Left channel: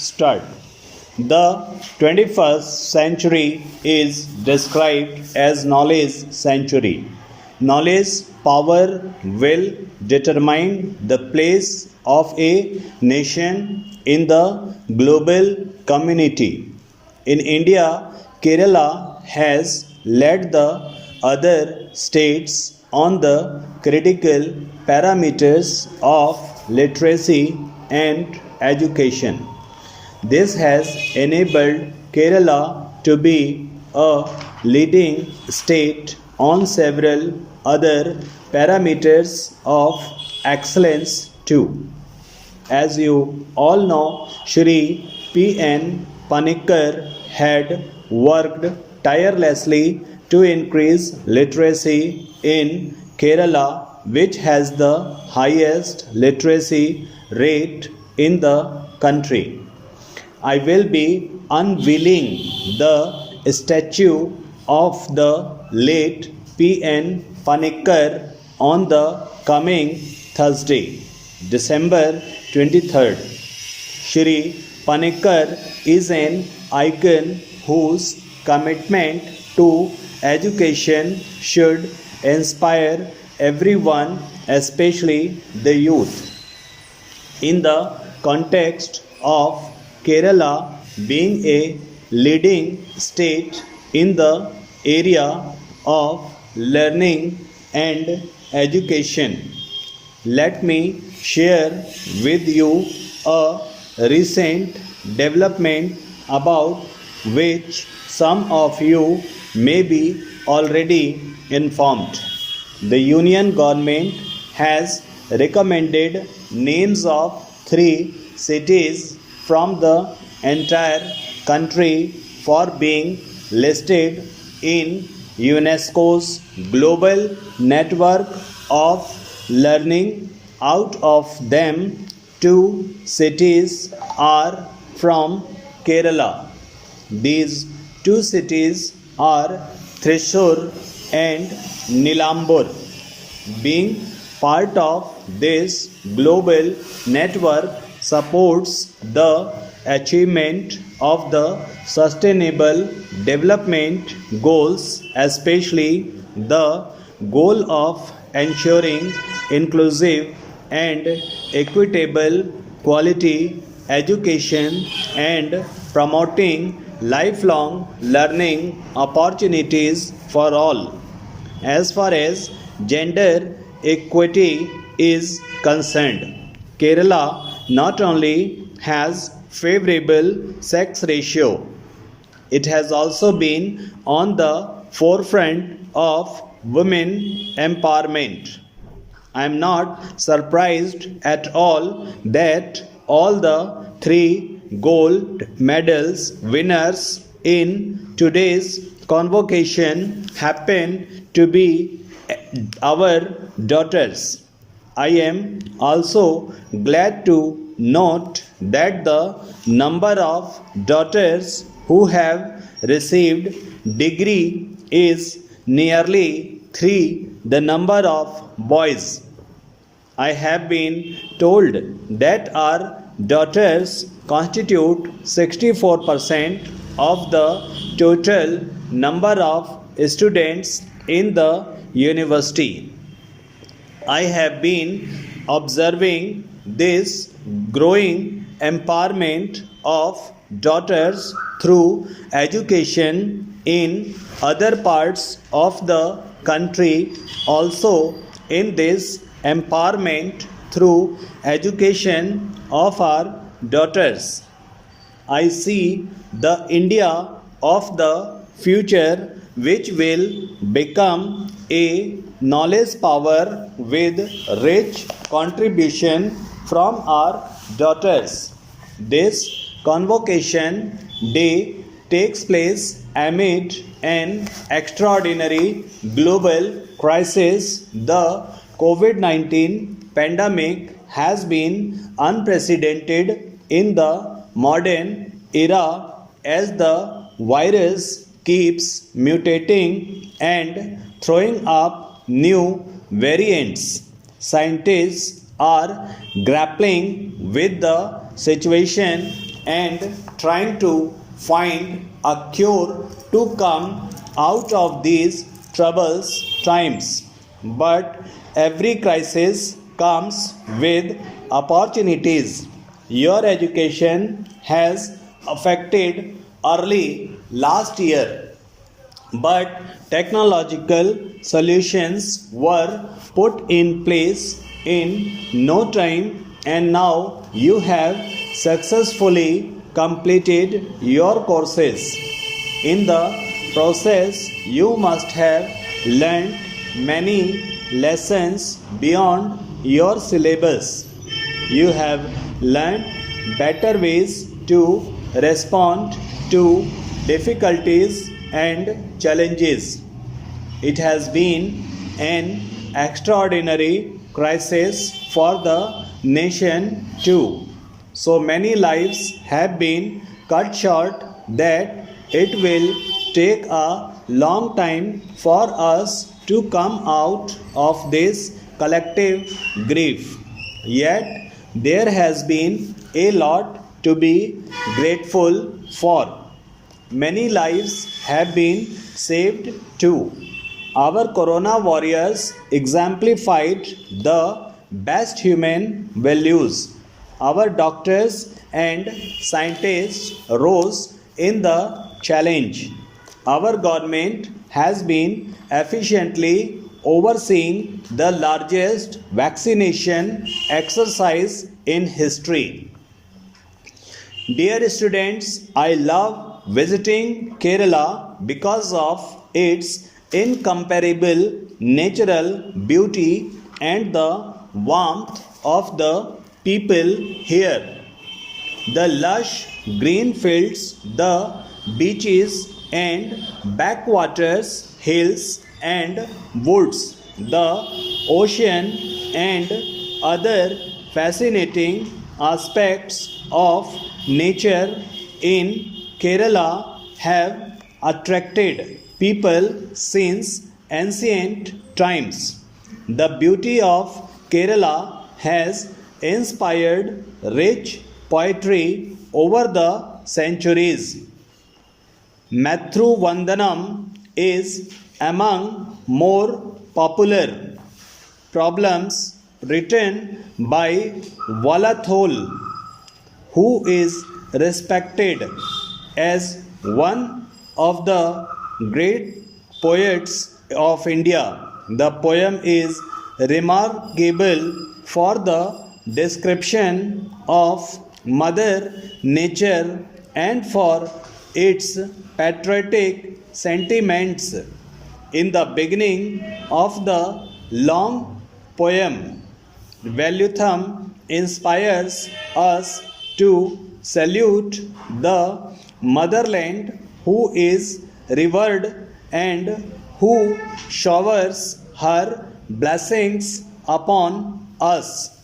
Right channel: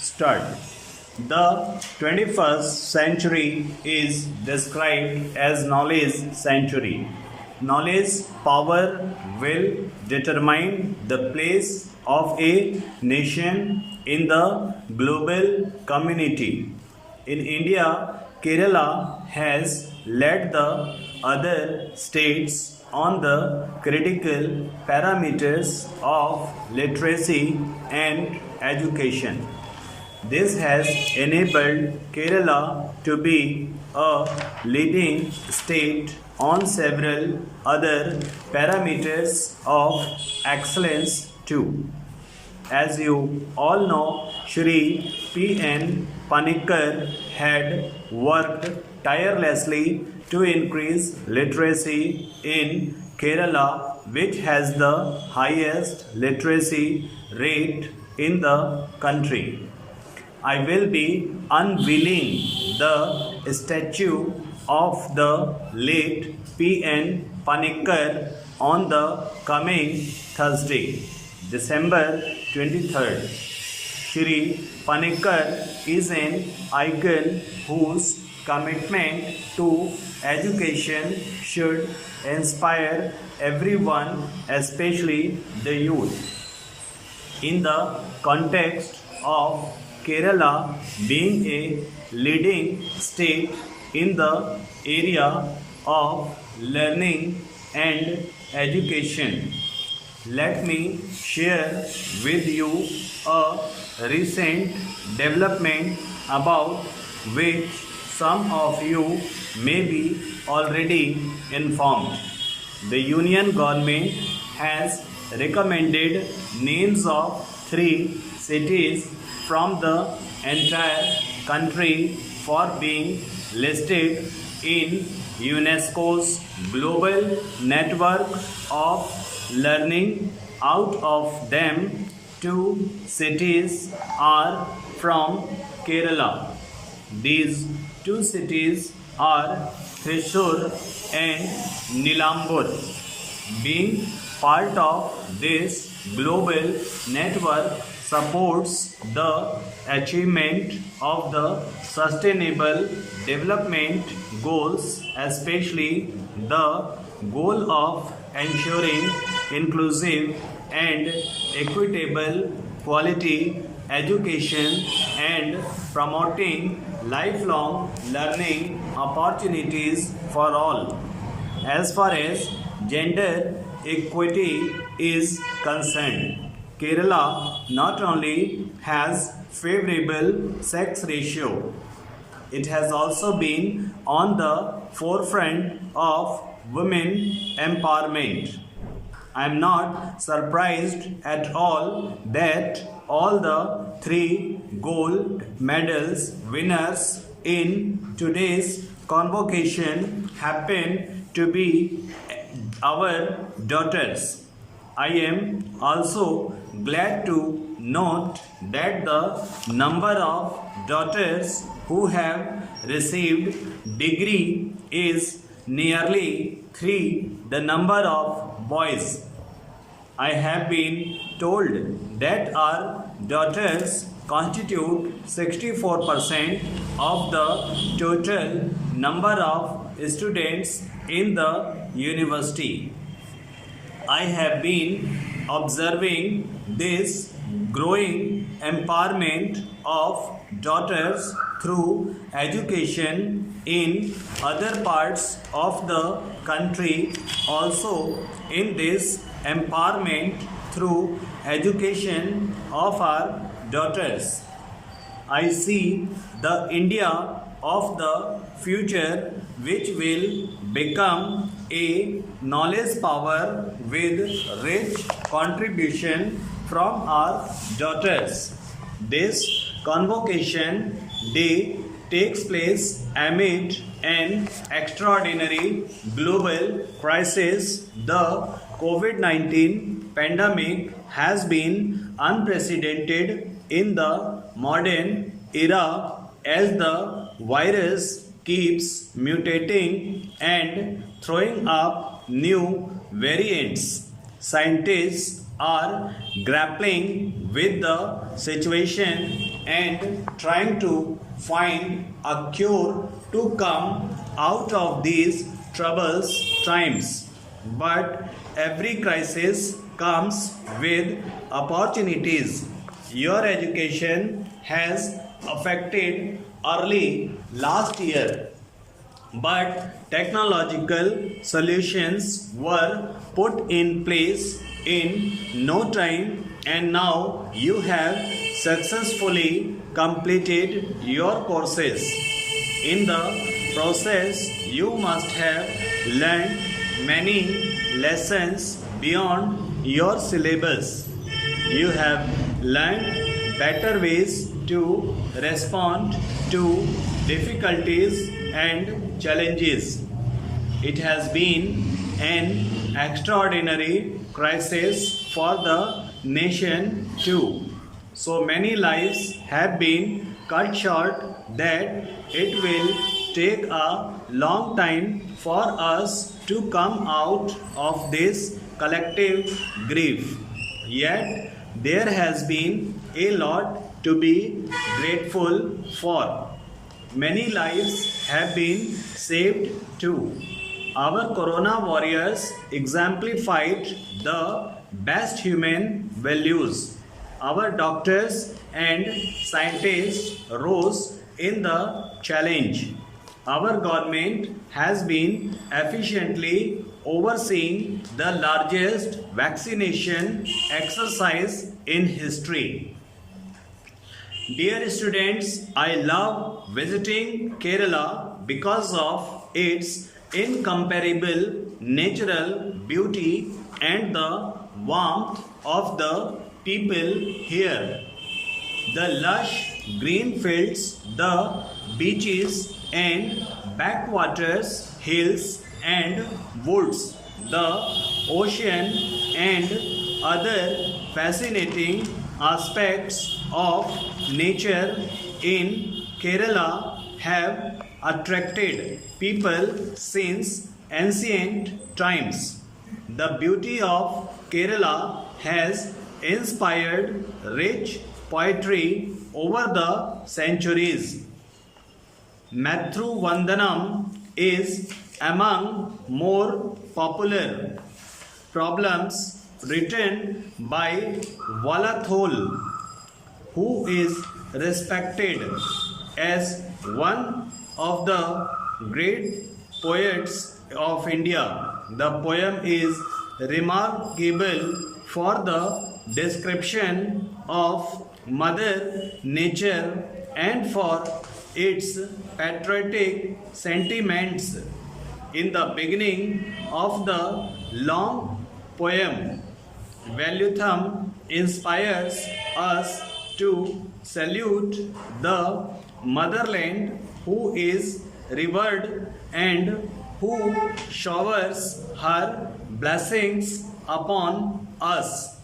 start. The 21st century is described as knowledge century. Knowledge power will determine the place of a nation in the global community. In India, Kerala has led the other states on the critical parameters of literacy and education. This has enabled Kerala to be a leading state on several other parameters of excellence too. As you all know, Shri P.N. Panikkar had worked tirelessly to increase literacy in Kerala, which has the highest literacy rate in the country. I will be unveiling the statue of the late P.N. Panikkar on the coming Thursday, December 23rd. Shri Panikkar is an icon whose commitment to education should inspire everyone, especially the youth. In the context of Kerala being a leading state in the area of learning and education, let me share with you a recent development about which some of you may be already informed. The Union government has recommended names of 3 cities from the entire country for being listed in UNESCO's global network of learning. Out of them, 2 cities are from Kerala. These 2 cities are Thrissur and Nilambur. Being part of this global network supports the achievement of the sustainable development goals, especially the goal of ensuring inclusive and equitable quality education and promoting lifelong learning opportunities for all. As far as gender equity is concerned, Kerala not only has favorable sex ratio, it has also been on the forefront of women empowerment. I am not surprised at all that all the 3 gold medals winners in today's convocation happen to be our daughters. I am also glad to note that the number of daughters who have received degree is nearly 3 the number of boys. I have been told that our daughters constitute 64% of the total number of students in the university. I have been observing this growing empowerment of daughters through education in other parts of the country. Also, in this empowerment through education of our daughters, I see the India of the future, which will become a knowledge power with rich contribution from our daughters. This convocation day takes place amid an extraordinary global crisis. The COVID-19 pandemic has been unprecedented in the modern era as the virus keeps mutating and throwing up new variants. Scientists are grappling with the situation and trying to find a cure to come out of these troubles times. But every crisis comes with opportunities. Your education has affected early last year, but technological solutions were put in place in no time, and now you have successfully completed your courses. In the process, you must have learned many lessons beyond your syllabus. You have learned better ways to respond to difficulties and challenges. It has been an extraordinary crisis for the nation too. So many lives have been cut short that it will take a long time for us to come out of this collective grief. Yet there has been a lot to be grateful for. Many lives have been saved too. Our Corona warriors exemplified the best human values. Our doctors and scientists rose in the challenge. Our government has been efficiently overseeing the largest vaccination exercise in history. Dear students, I love visiting Kerala because of its incomparable natural beauty and the warmth of the people here. The lush green fields, the beaches and backwaters, hills and woods, the ocean and other fascinating aspects of nature in Kerala have attracted people since ancient times. The beauty of Kerala has inspired rich poetry over the centuries. Matru Vandanam is among more popular problems written by Valathol, who is respected as one of the great poets of India. The poem is remarkable for the description of Mother Nature and for its patriotic sentiments. In the beginning of the long poem, Valutham inspires us to salute the motherland who is revered and who showers her blessings upon us.